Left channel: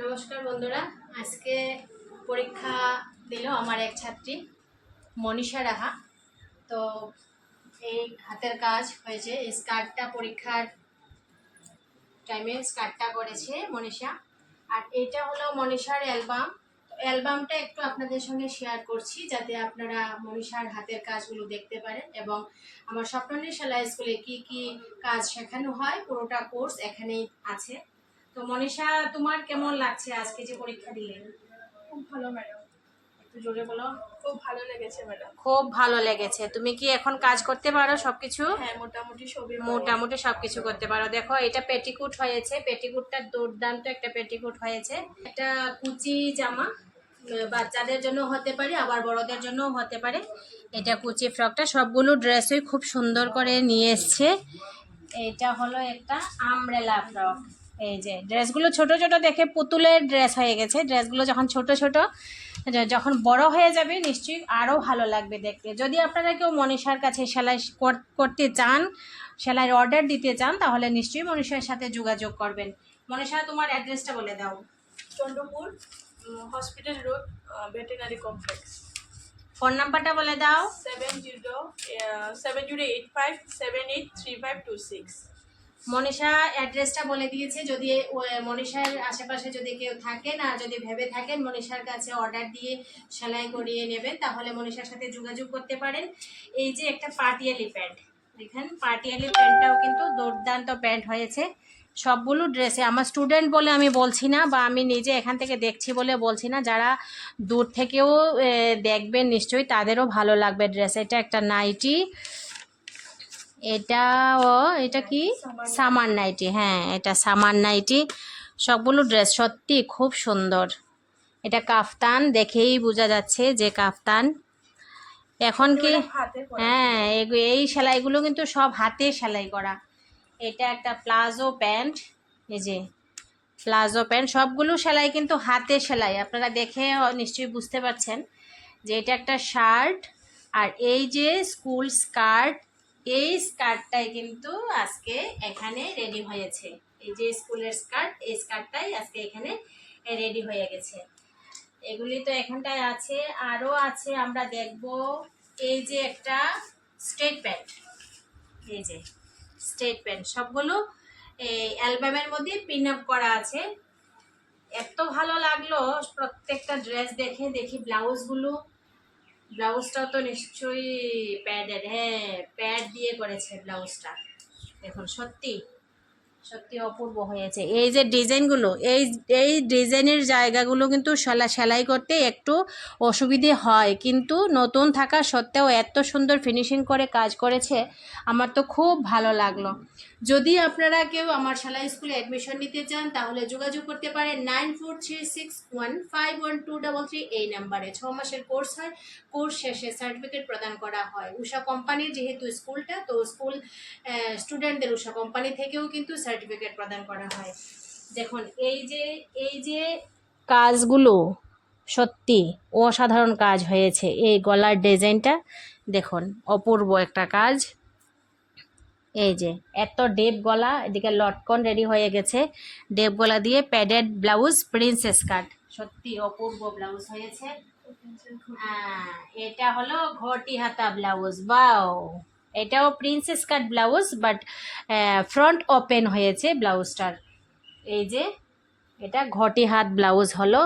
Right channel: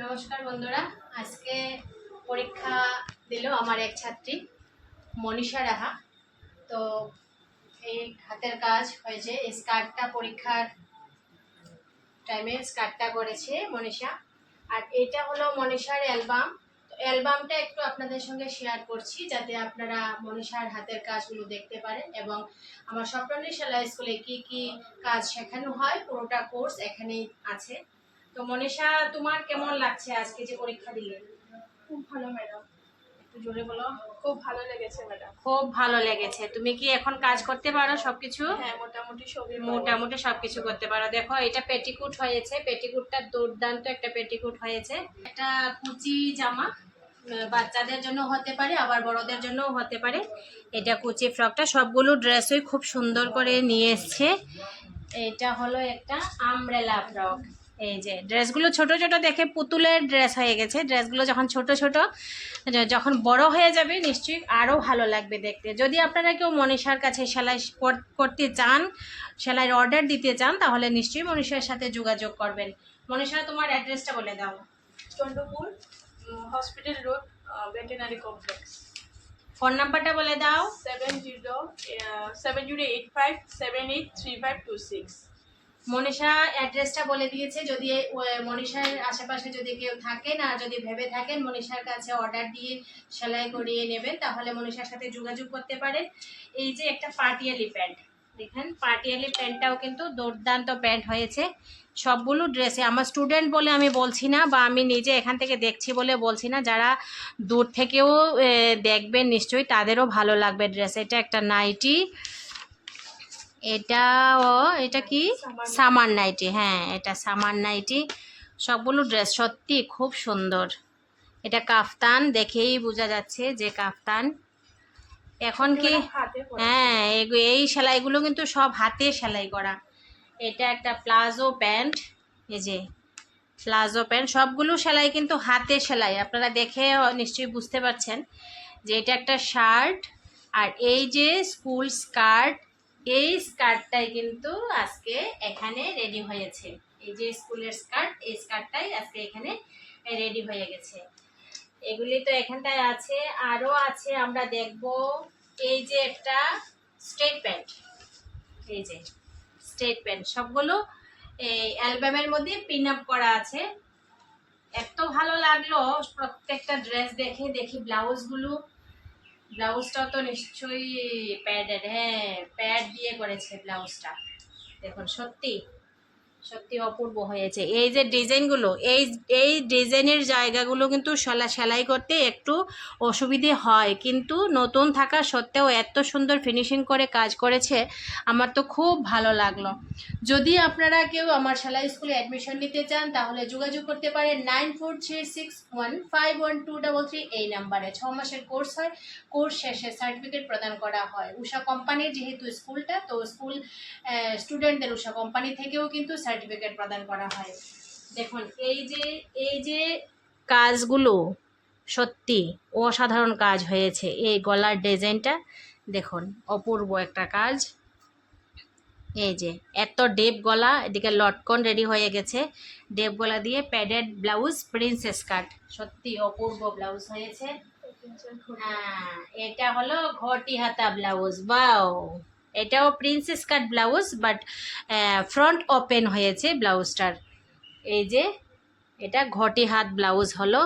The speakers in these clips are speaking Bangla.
নমস্কার বন্ধুরা, আজকে পরীক্ষা দিল আমার এক ছাত্রী মনীষা রাহা। তো এই হাতের কাজ হয়েছে, এই স্কার্টটা পরীক্ষার টাইমে স্কার্টটা করেছে মনীষা। আর এটা হলো মনীষার অ্যালবাম। তো অ্যালবামটা একটু আপনাদের সঙ্গে শেয়ার করছি যাতে আপনারা মনীষার হাতের কাজগুলো দেখতে পারেন এবং আমার স্বপ্ননী সেলাই স্কুলে কি কি কাজ শেখানো হয় পুরোটা কোর্স এখানেই আছে। তো মনীষা, তোমার কেমন লাগছে আজকে যে পরীক্ষা দিলেন? খুব ভালো ম্যাডাম। একটু জোরে বলো। খুব ভালো লেগেছে ম্যাডাম। খুব ভালো লেগেছে। তুমি কি এখন কাজ করতে পারো সবকিছু? হ্যাঁ, মোটামুটি সবই পারি। মোটামুটি সবকিছু করতে পারো। দেখো, এটা পেটিকুট হয়েছে, পেটিকুটটা দুর্দান্ত একটা পেটিকুট হয়েছে। একটা কুচি জামা বাচ্চাদের জন্য হতে পারে, আবার বড়দের জন্যও হতে পারে। এটা কুচি ফ্রকটা সবগুলো ড্রেসই খুব সুন্দর করে নিয়ে এসছে। এটা হলো একটা আমব্রেলা ফ্রক। এই যে ড্রেসগুলো ছোট ছোট দেখে পুতুলের ড্রেস হয়ে গেছে। ড্রেসগুলো যখন ছোট ছোট, যখন বড় হয়ে যাবে নিশ্চয়ই আরও ভালো লাগবে দেখতে। যদি আপনারা কেউ মনীষার কাছে সেলাই করতে চান, সেলাইয়ের অর্ডার দিতে চান, তাহলে নিশ্চয়ই মনীষার সাথে যোগাযোগ করবেন। মনীষা, তোমার অ্যাড্রেসটা বলে দাও। Chandrapur hospital road, veterinary complex. Phone নাম্বারটা বলে দাও। 7085783526। মনীষা অ্যাড্রেসটা বলে দিয়েছে। যদি মনীষার আশেপাশে যদি কেউ থাকেন আর যদি ভেবে থাকেন মনীষার কাছে অর্ডার দিয়ে সেলাই করিয়ে নেবেন, তাহলে মনীষার সাথে যোগাযোগ করতে পারেন। এই যে একটা পাটিয়ালি প্যান্ট, দেখেন পাটিয়ালি প্যান্টটাও কিন্তু দুর্দান্ত প্যান্ট হয়েছে। সবগুলো ড্রেসে আমার স্টুডেন্ট বলে আমি বলছি না, বা আমি নিজে এখান থেকে দেখছি বলে বলছি না, যারা দূর থেকেও দেখবেন নিশ্চয়ই তাদেরও ভালো লাগবে ড্রেস। এটা একটা নাইটি, এটা কি সামার নাইটি। হ্যাঁ, এটা সামার নাইটি। সবগুলো ড্রেস সত্যি খুব সুন্দর। এটা কাফতান, দেখেই বোঝা যাচ্ছে যে কাফতান। এখন কি, হ্যাঁ, এই সেলাইগুলো কিন্তু সব হাতে সেলাই করা। এটা একটা প্লাজো প্যান্ট। এই যে প্লাজো প্যান্ট, সবগুলো সেলাই কিন্তু হাতে সেলাই। আপনারা দেখে নিশ্চয়ই বুঝতে পারছেন যে এটা একটা শার্ট। আর এই যে স্কুল স্কার্ট, এই স্কার্টটাই কিন্তু আজকে এখানে রেডি হয়েছে। এই যে স্কুলের স্কার্ট, এই স্কার্টটাই আজকে এখানে রেডি হয়ে গেছে। এগুলি তো এখানটায় আছে, আরও আছে আমরা দেখব। এই যে একটা স্ট্রেট প্যান্ট, এই যে স্ট্রেট প্যান্ট, সবগুলো এই অ্যালবামের মধ্যে পিন আপ করা আছে। এত ভালো লাগলো প্রত্যেকটা ড্রেস দেখে। দেখি ব্লাউজগুলো, ব্লাউজটাও তো নিশ্চয়ই প্যাডেড। হ্যাঁ, প্যাড দিয়ে করেছে ব্লাউজটা। দেখুন, সত্যি সত্যি অপূর্ব হয়েছে। এই যে ডিজাইনগুলো, এই ডিজাইনের জায়গাগুলো কিন্তু সেলাই করতে একটু অসুবিধে হয়, কিন্তু নতুন থাকা সত্ত্বেও এত সুন্দর ফিনিশিং করে কাজ করেছে, আমার তো খুব ভালো লাগলো। যদি আপনারা কেউ আমার সেলাই স্কুলে অ্যাডমিশন নিতে চান, তাহলে যোগাযোগ করতে পারেন 9436151233 এই নাম্বারে। 6 মাসের কোর্স হয়, কোর্স শেষে সার্টিফিকেট প্রদান করা হয়। উষা কোম্পানির যেহেতু স্কুলটা, তো স্কুল স্টুডেন্টদের উষা কোম্পানি থেকেও কিন্তু সার্টিফিকেট প্রদান করা হয়। দেখুন, এই যে কাজগুলো সত্যি অসাধারণ কাজ হয়েছে। এই গলার ডিজাইনটা দেখুন, অপূর্ব একটা কাজ। এই যে এত ডেপ গলা, এদিকে লটকন রেডি হয়ে গেছে। ডেপ গলা দিয়ে প্যাডেড ব্লাউজ, প্রিন্সেস কাট, সত্যি অপূর্ব ব্লাউজ হয়েছে। এটা হলো ঘটি হাতা ব্লাউজ। বাও, এটাও princess cut blouse, but front open হয়েছে ব্লাউজটার। এই যে এটা ঘটি হাত ব্লাউজ হলো,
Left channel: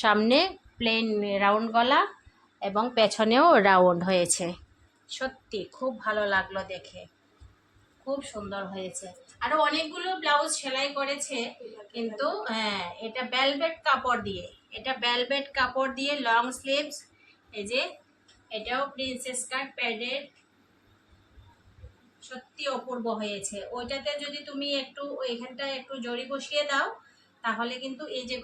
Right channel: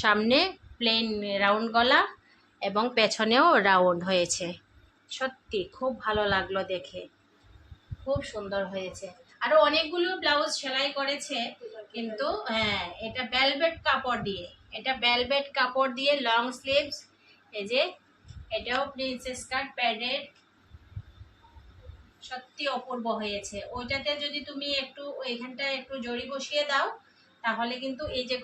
সামনে প্লেন রাউন্ড গলা এবং পেছনেও রাউন্ড হয়েছে। সত্যি খুব ভালো লাগলো দেখে, খুব সুন্দর হয়েছে। আরো অনেকগুলো ব্লাউজ সেলাই করেছে, কিন্তু হ্যাঁ, এটা ভেলভেট কাপড় দিয়ে, এটা ভেলভেট কাপড় দিয়ে লং স্লিভস। এই যে এটাও প্রিন্সেস কাট প্যাডেড, সত্যি অপূর্ব হয়েছে। ওইটাতে যদি তুমি একটু ওইখানটায় একটু জড়ি বসিয়ে দাও, তাহলে কিন্তু এই যে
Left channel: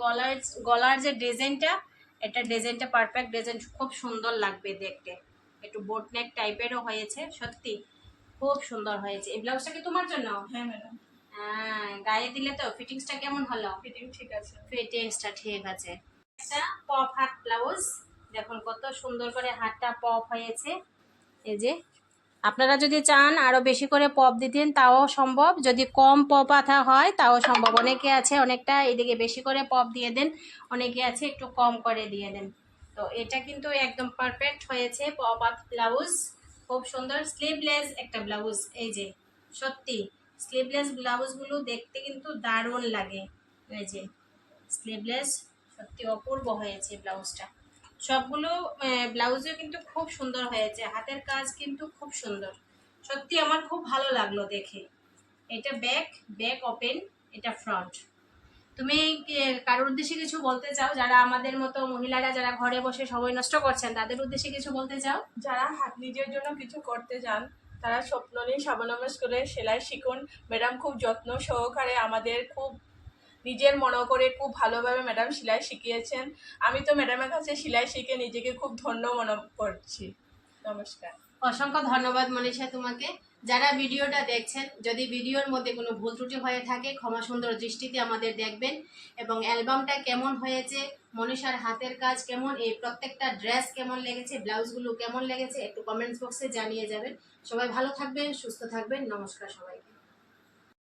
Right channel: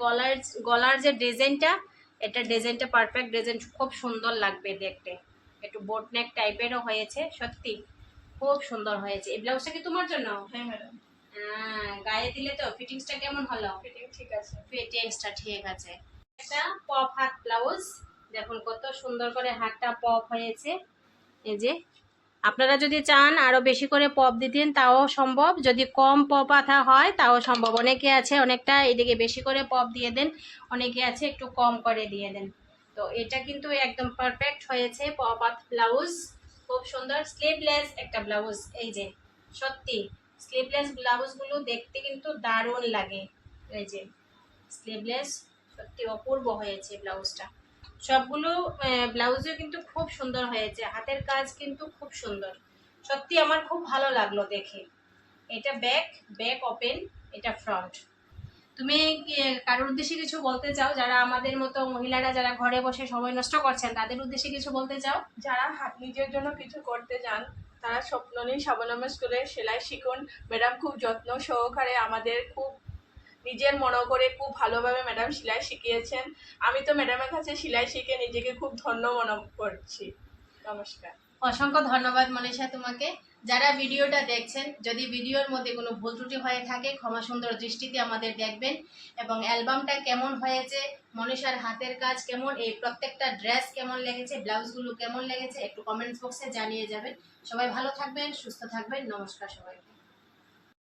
গলার যে ডিজাইনটা, এটা ডিজাইনটা পারফেক্ট ডিজাইন, খুব সুন্দর লাগবে দেখতে। একটু বোট নেক টাইপেরও হয়েছে, সত্যি খুব সুন্দর হয়েছে। এই ব্লাউজটা কি তোমার জন্য? হ্যাঁ ম্যাডাম। হ্যাঁ, গায়ে দিলে তো ফিটিংসটা কেমন হলো? ফিটিং ঠিক আছে। ফিটিংসটা ঠিক আছে। একটা পপ হাত ব্লাউজ, দেখুন কত সুন্দর করে হাতটা পপ হয়েছে। এই যে আপনারা যদি চান আরও বেশি করে পপ দিতেন তাও সম্ভব, যদি কম পপ আঠা হয় তাও সম্ভব। অনেকে আছে অনেকটা এদিকে বেশি করে পপ দিয়ে দেন, অনেকে আছে একটু কম করে দিয়ে দেন। তো এটা কিন্তু একদম পারফেক্ট হয়েছে পপ আপ ব্লাউজ, খুব সুন্দর স্লিভলেস একটা ব্লাউজ। এই যে সত্যি স্লিভলেস ব্লাউজগুলো দেখতে কিন্তু দারুণ লাগে। এই যে স্লিভলেস, সত্যি অপূর্ব হয়েছে ব্লাউজটা। সবগুলো ব্লাউজও কিন্তু খুব সুন্দর হয়েছে, হাতের কাজ কিন্তু খুব সুন্দর। সত্যি আমার খুব ভালো লাগলো দেখে। এটা ব্যাক, ব্যাক ওপেন, এটা ফ্রন্ট। তুমি কারোর উদ্দেশ্যে কিছু বলতে চাও, যারা আমাদের মতো মহিলারা যারা ঘরে বসে সময় নষ্ট করছেন তাদের উদ্দেশ্যে কিছু বলতে চাও? যারা নিজের জন্য কিছু করতে চান তারা স্বপ্ন নিয়ে স্বাবলম্বী করে সেলাই শিখুন। ম্যাডাম খুব যত্ন সহকারে আমাদের খুব নিজের মনে করে খুব ভালোভাবে ম্যাডাম সেলাই শিখিয়েছেন। আমি তো ম্যাডামের কাছে সেলাই শিখে নিজেকে খুব ধন্য মনে করছি। নমস্কার। অসংখ্য ধন্যবাদ মনীষা তোমাকে। যারা ভিডিওটা দেখছেন, যদি ভিডিওর মধ্যে কোনো ভুল ত্রুটি হয়ে থাকে ক্ষমা সুন্দর দৃষ্টিতে আমাদের দেখবেন। এবং অ্যালবামটা কেমন হয়েছে, মনীষার হাতের কাজ কেমন, এই প্রত্যেকটা ড্রেস কেমন লেগেছে, ব্লাউজগুলো কেমন লেগেছে একটু কমেন্টস বক্সে জানিয়ে যাবেন। সবাই ভালো থাকবেন, সুস্থ থাকবেন। নমস্কার সবাইকে।